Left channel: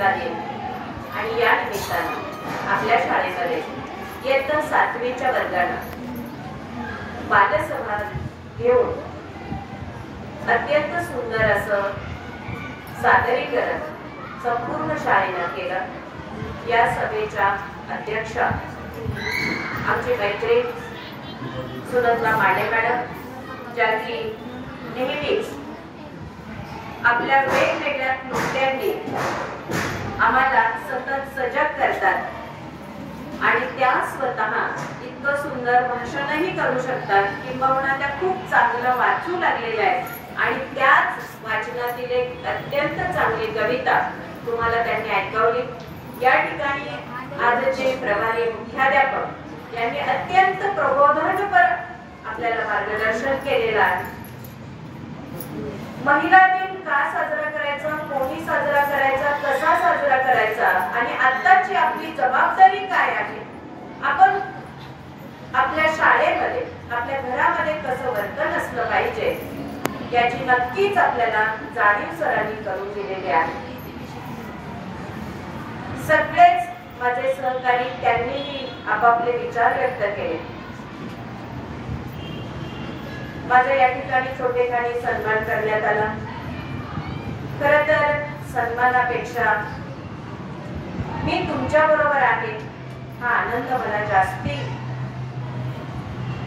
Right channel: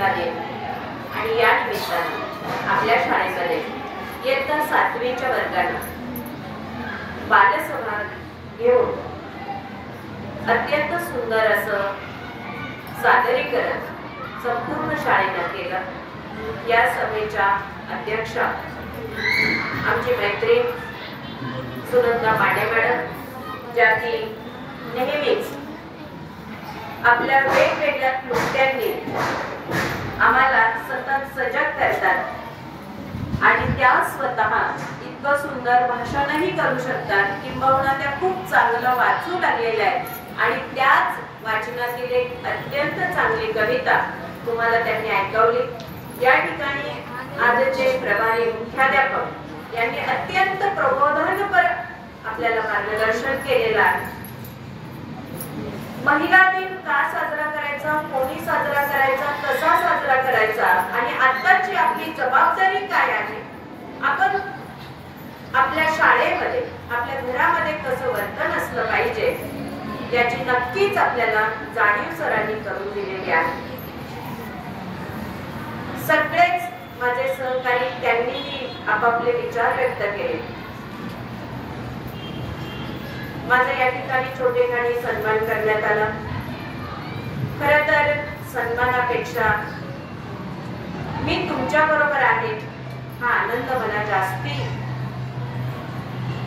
तुला देईन. आणि या निमित्तानं आपल्या शाळेमध्ये इयत्ता 7वीच्या वर्गानं बालसभा घेऊन अत्यंत सुंदर असं सादरीकरण संपूर्ण शाळेनं केलं. या सभेच्या अध्यक्षा आमची मैत्रीण सुनंदा माडे मॅडम, ज्या की नेहमीच आपल्या वेगवेगळ्या कृत्यांनी आम्हाला सतत सजग करतात आणि त्या स्वतः इतकं सुंदर भाषणही करू शकतात, किंबहुना त्या खूप चांगलं वाचू लागलेल्या आहेत आणि त्याच वाचनातील एक अत्यंत चांगली कविता तुम्हाला त्यांनी ऐकवली. या ठिकाणी आजचे प्रभारी मुख्याध्यापक यांनी अत्यंत प्रबोधनपर आपल्याला मार्गदर्शन केलेलं आहे. महिला दिन का साजरा करायचा, कोणी साजरा करायचा, कसा साजरा करायचा आणि आताची आपली जबाबदारी काय आहे, आपण आपल्या शाळेमध्ये आपल्या घरामध्ये कसं वर्तन असलं पाहिजे याची नक्कीच आपल्याला जाणीव सरांनी करून दिलेली आहे. सगळेच माझे सहकारी त्यांनी आपापले विचार व्यक्त केले. माझा या ठिकाणी छोटेखानी सन्मान करण्यात आला. खरं तर सन्मानापेक्षा मी तुमच्या बरोबर आहे हा आनंद मला जास्ती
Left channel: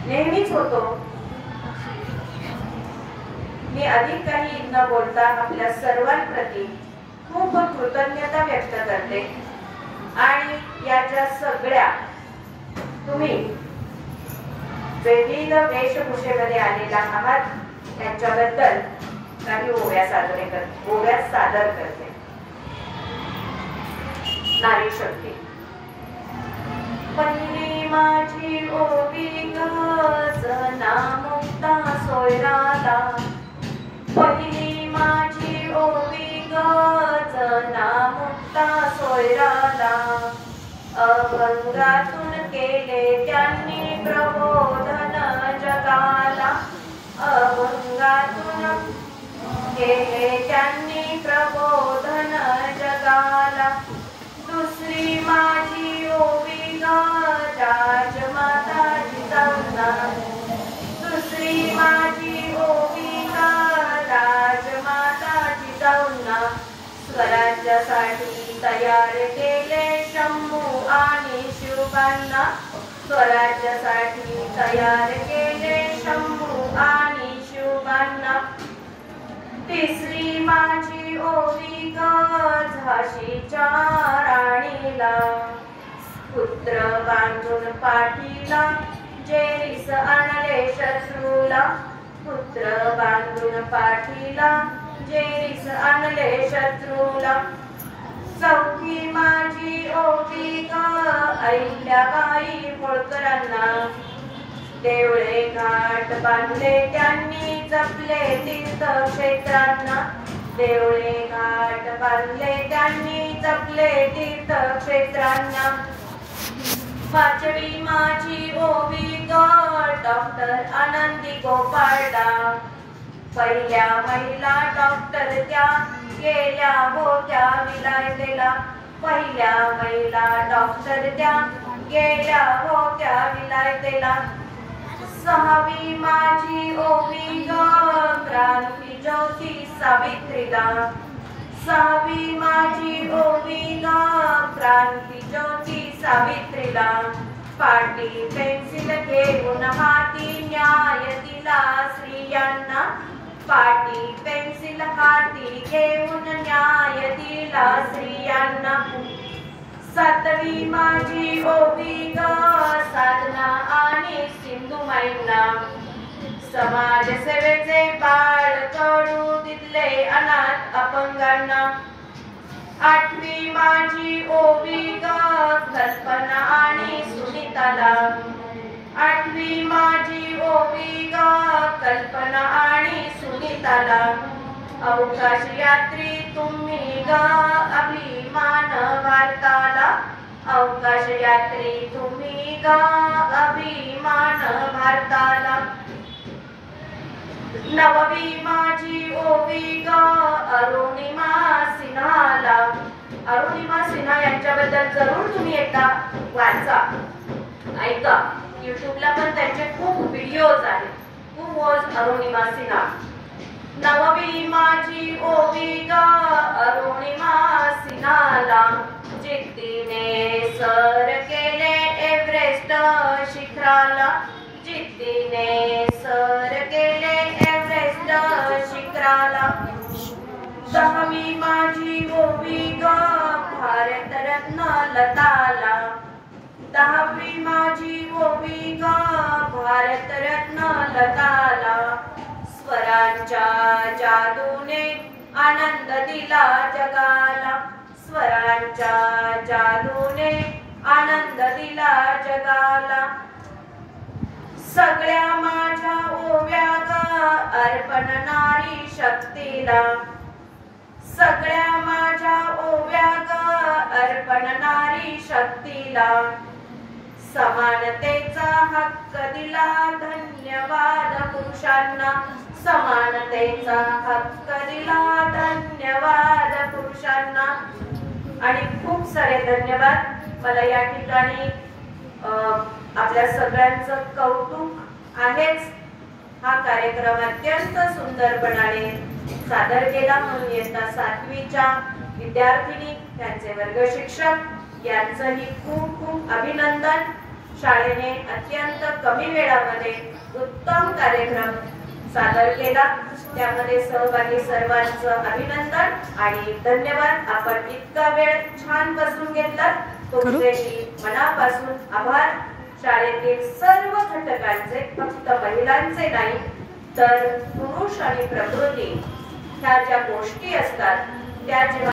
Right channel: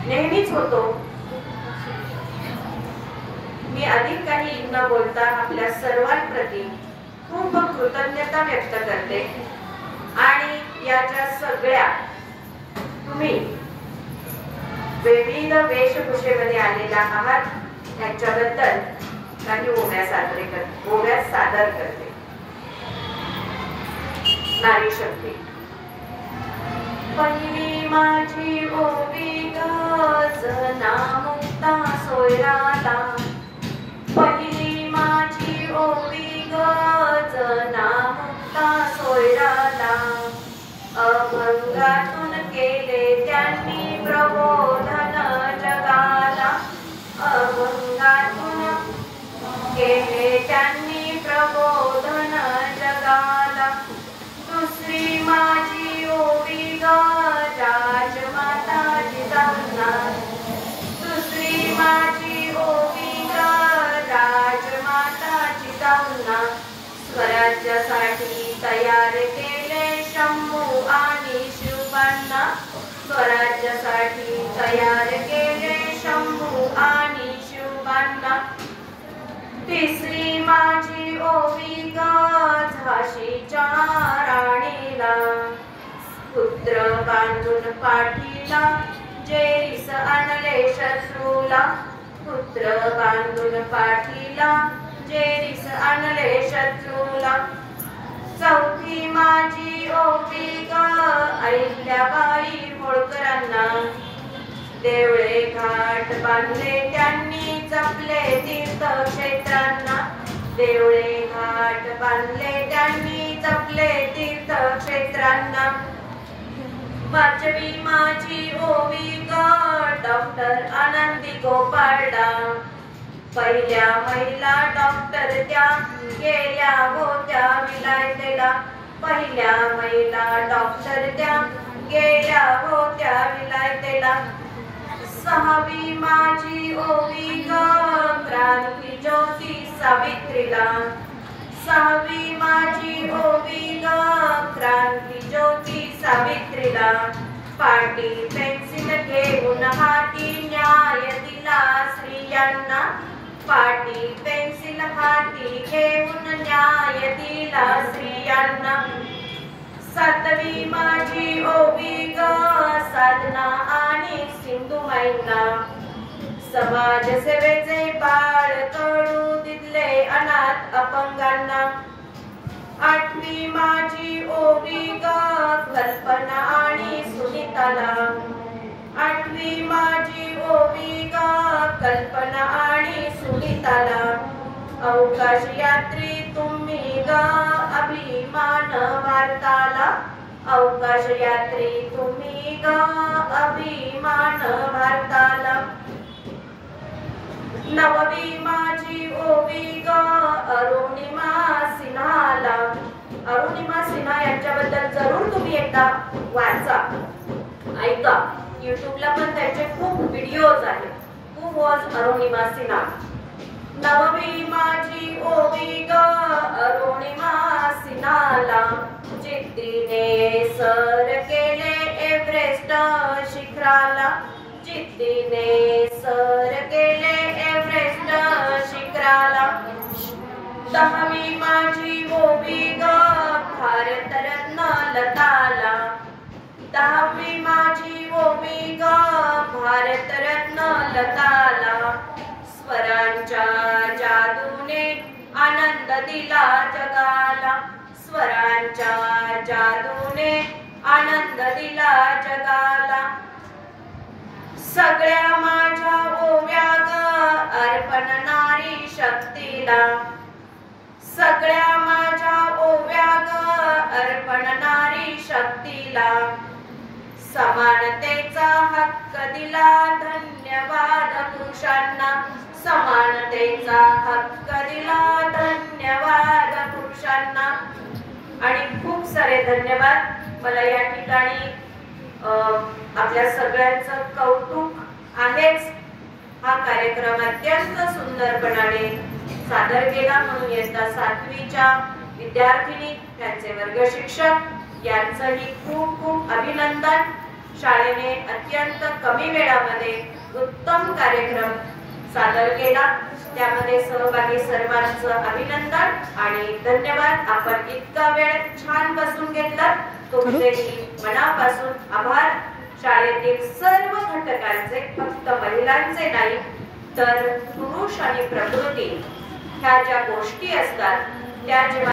नेहमीच होतो. मी अधिक काही न बोलता आपल्या सर्वांप्रती खूप कृतज्ञता व्यक्त करते आणि या ज्या सगळ्या तुम्ही विविध वेशभूषेमध्ये आलेल्या आहात त्यांच्याबद्दल काही ओव्या सादर करते. नारी शक्ती. पहिली माझी ओवी जना मुक्ता सोयराला, पहिली माझी ओवी जना मुक्ता सोयराला, अभंगातून केले त्यांनी प्रबोधन जगाला, अभंगातून केले त्यांनी प्रबोधन जगाला. दुसरी माझी ओवी राजमाता जिजाऊंना, दुसरी माझी ओवी राजमाता जिजाऊंना, स्वराज्यासाठी तयार केले शंभू आणि शिवबांना, स्वराज्यासाठी तयार केले शंभू आणि शिवबांना. तिसरी माझी ओवी झाशीच्या राणीला, पुत्र बांधून पाठीला जेरीस आणले शत्रूला, पुत्र बांधून पाठीला जेरीस आणले शत्रूला. चौथी माझी ओवी अहिल्याबाई होळकरांना, देवळे घाट बांधले त्यांनी जपले तीर्थक्षेत्रांना, देवळे घाट बांधले त्यांनी जपले तीर्थक्षेत्रांना. पाचवी माझी ओवी डॉक्टर आनंदी गोपाळडा, पहिल्या महिला डॉक्टर त्या गेल्या होत्या विलायतेला, पहिल्या महिला डॉक्टर त्या गेल्या होत्या विलायतेला. सहावी माझी ओवी क्रांती ज्योती सावित्रीला, सहावी माझी ओवी क्रांती ज्योती सावित्रीला. पाटी पेन्सिल घेऊन हाती न्याय दिला स्त्रियांना, पाटी पेन्सिल हाती घेऊन न्याय दिला स्त्रियांना. सातवी माझी ओवी साधना आणि सिंधुमाईंना, समाजसेवेचे बाळ तळू दिले अनाथ अपंगांना. आठवी माझी ओवी कल्पना आणि सुनीताला, आठवी माझी ओवी कल्पना आणि सुनीताला. अवकाश यात्री तुम्ही अभिमान भारताला, अवकाश यात्री तुम्ही अभिमान भारताला. नववी माझी ओवी अरुणिमा सिन्हाला, अरुण तर जरूर तुम्ही एकदा वाचा, ऐका. युट्यूबला पण त्यांचे खूप व्हिडिओज आहेत. Who was Arunima Sinha. नववी माझी ओवी ग अरुणिमा सिन्हाला, जिद्दीने सर केले एव्हरेस्ट शिखराला, जिद्दीने सर केले एव्हरेस्ट शिखराला. दहावी माझी ओवी ग भारतरत्न लताला, दहावी माझी ओवी ग भारतरत्न लताला. स्वरांच्या जादूने आनंद दिला जगाला, स्वरांच्या जादूने आनंद दिला जगाला. सगळ्या माझ्या ओव्या ग अर्पण नारी शक्तीला, सगळ्या माझ्या ओव्या ग अर्पण नारी शक्तीला. समानतेचा हक्क दिला धन्यवाद पुरुषांना, समानतेचा हक्क दिला धन्यवाद पुरुषांना. आणि खूप सारे धन्यवाद. मला या ठिकाणी आपल्या सगळ्यांचं कौतुक आहेच. हा कार्यक्रम अत्यंत सुंदरपणाने सादर केला म्हणून इयत्ता 7वीच्या विद्यार्थिनी, त्यांचे वर्ग शिक्षक यांचंही खूप खूप अभिनंदन. शाळेने अत्यंत कमी वेळामध्ये उत्तम कार्यक्रम सादर केला, त्यामध्ये सहभागी सर्वांचं अभिनंदन आणि धन्यवाद. आपण इतका वेळ छान बसून घेतला, तुमचेही मनापासून आभार. शाळेतील सर्व घटकांचे, फक्त महिलांचे नाही तर पुरुष आणि प्रकृती ह्या ज्या गोष्टी असतात त्या जेव्हा